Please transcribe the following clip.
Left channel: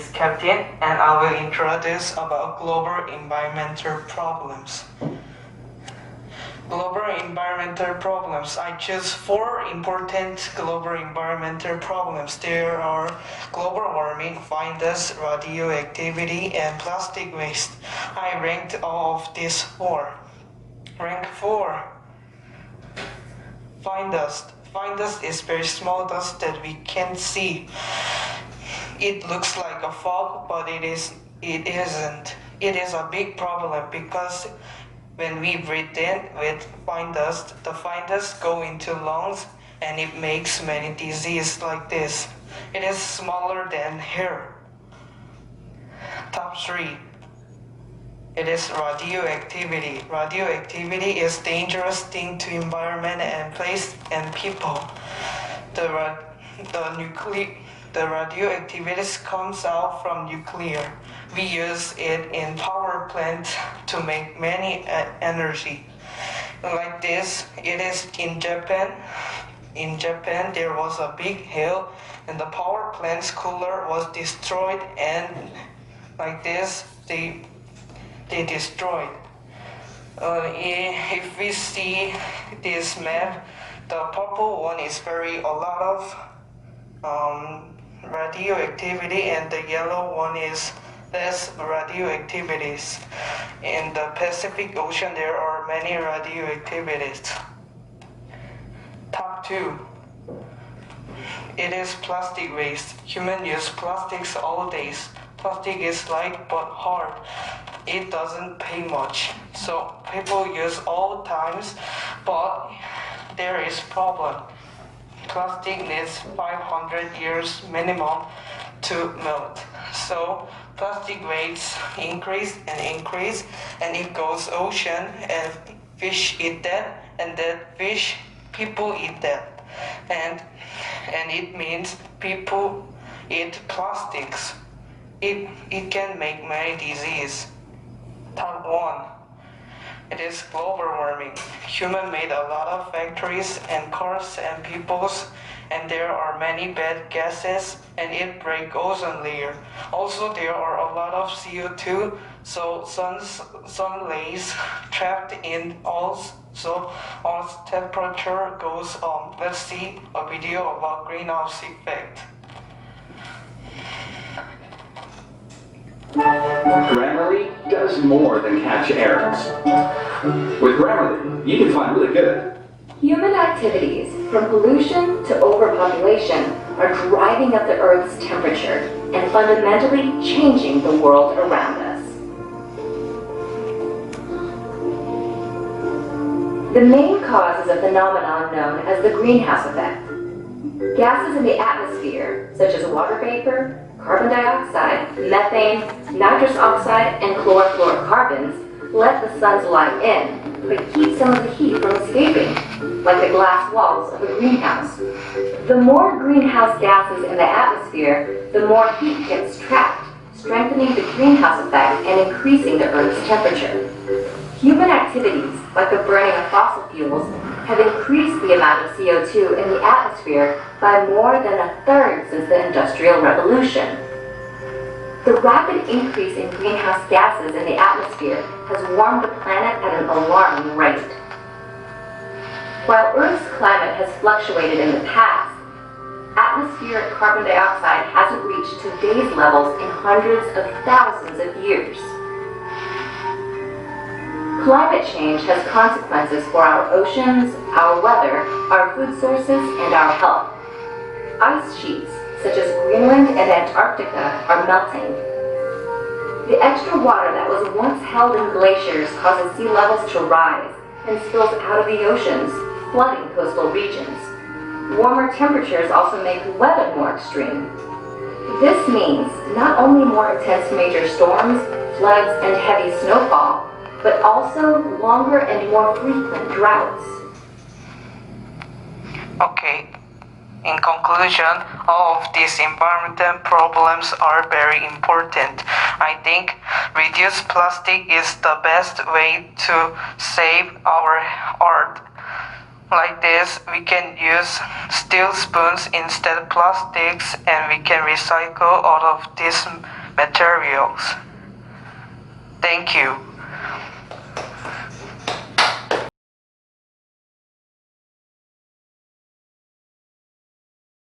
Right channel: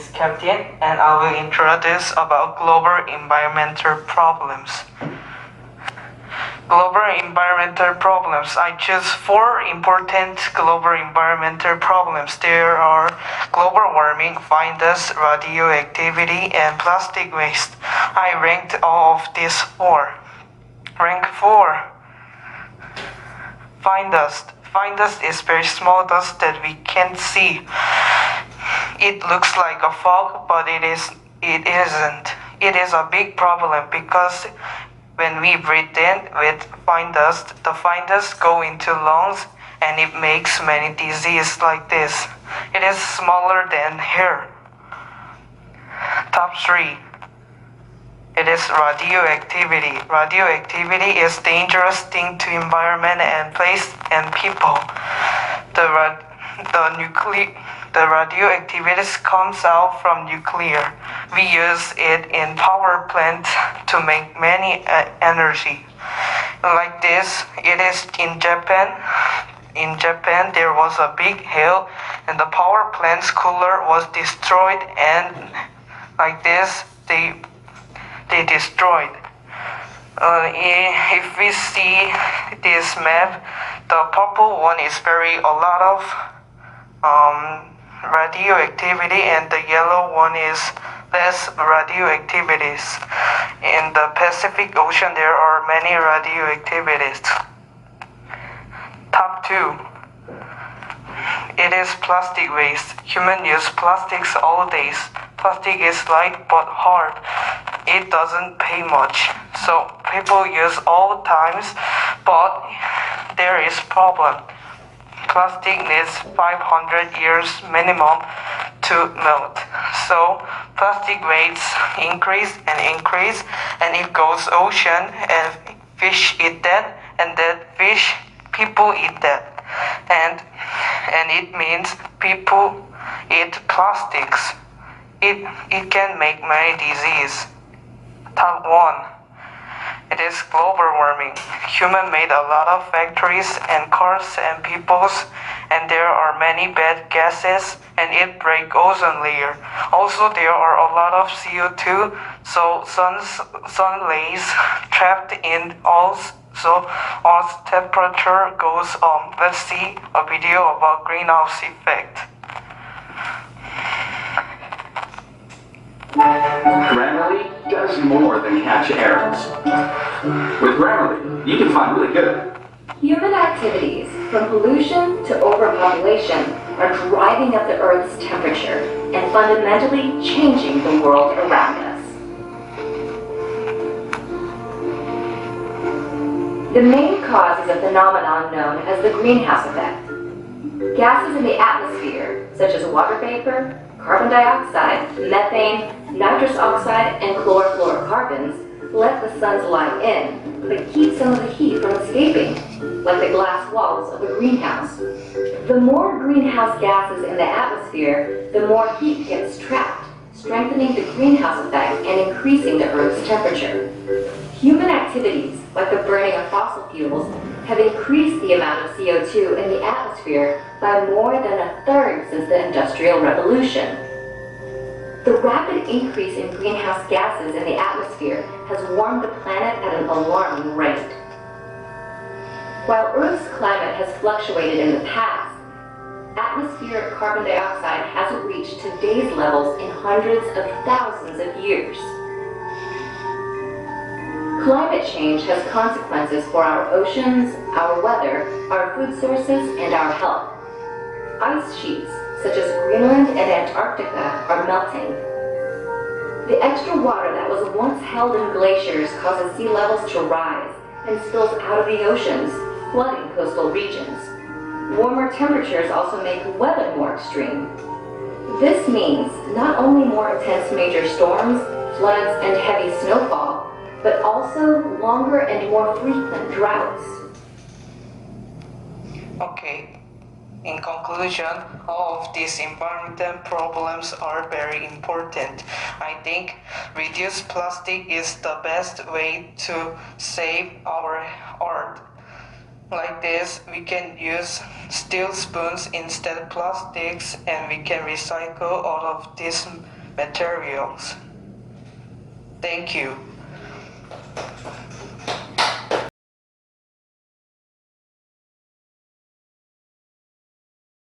is Captain, and I will introduce about global environmental problems. Global environmental problems. I choose 4 important global environmental problems. There are global warming, fine dust, radioactivity, and plastic waste. I ranked all of these 4. Rank 4. Fine dust. Fine dust is very small dust that we can't see. It looks like a fog, but it isn't. It is a big problem because when we breathe in with fine dust, the fine dust go into lungs and it makes many diseases like this. It is smaller than hair. Top 3. It is radioactivity. Radioactivity is dangerous thing to environment and place and people. The radioactivity comes out from nuclear. We use it in power plants to make many energy. Like this, it is in Japan. In Japan, there was a big hail and the power plant's cooler was destroyed, and like this, they destroyed. If we see this map, the purple one is a lot of radioactivity, and the yellow one is less radioactivities. In the Pacific Ocean, there are many radioactivities. Top 2. It is plastic waste. Humans use plastics all days. Plastic is light but hard. It doesn't pay much. So people use all times, but there is problem. Plastic needs 500 years minimum to melt. So plastic waste increase, and it goes ocean, and fish eat that, and that fish, people eat that. And it means people eat plastics. It can make many diseases. Top 1. It is global warming. Human made a lot of factories and cars and peoples, and there are many bad gases, and it breaks ozone layer. Also, there are a lot of CO2, so sun rays trapped in Earth, so Earth's temperature goes up. Let's see a video about greenhouse effect. Grammarly does more than catch errors. With Grammarly, you can find really good. Human activities, from pollution to overpopulation, are driving up the Earth's temperature and fundamentally changing the world around us. The main cause is a phenomenon known as the greenhouse effect. Gases in the atmosphere, such as water vapor, carbon dioxide, methane, nitrous oxide, and chlorofluorocarbons, let the sun's light in, but keep some of the heat from escaping, like the glass walls of a greenhouse. The more greenhouse gases in the atmosphere, the more heat gets trapped, strengthening the greenhouse effect and increasing the Earth's temperature. Human activities, like the burning of fossil fuels, have increased the amount of CO2 in the atmosphere by more than 1/3 since the Industrial Revolution. The rapid increase in greenhouse gases in the atmosphere has warmed the planet at an alarming rate. While Earth's climate has fluctuated in the past, atmospheric carbon dioxide hasn't reached today's levels in hundreds of thousands of years. Climate change has consequences for our oceans, our weather, our food sources, and our health. Ice sheets, such as Greenland and Antarctica, are melting. The extra water that was once held in glaciers causes sea levels to rise and spills out of the oceans, flooding coastal regions. Warmer temperatures also make weather more extreme. This means not only more intense major storms, floods, and heavy snowfall, but also longer and more frequent droughts. Okay. In conclusion, all of these environmental problems are very important. I think reduce plastic is the best way to save our Earth. Like this, we can use steel spoons instead of plastics, and we can recycle all of these materials. Thank you.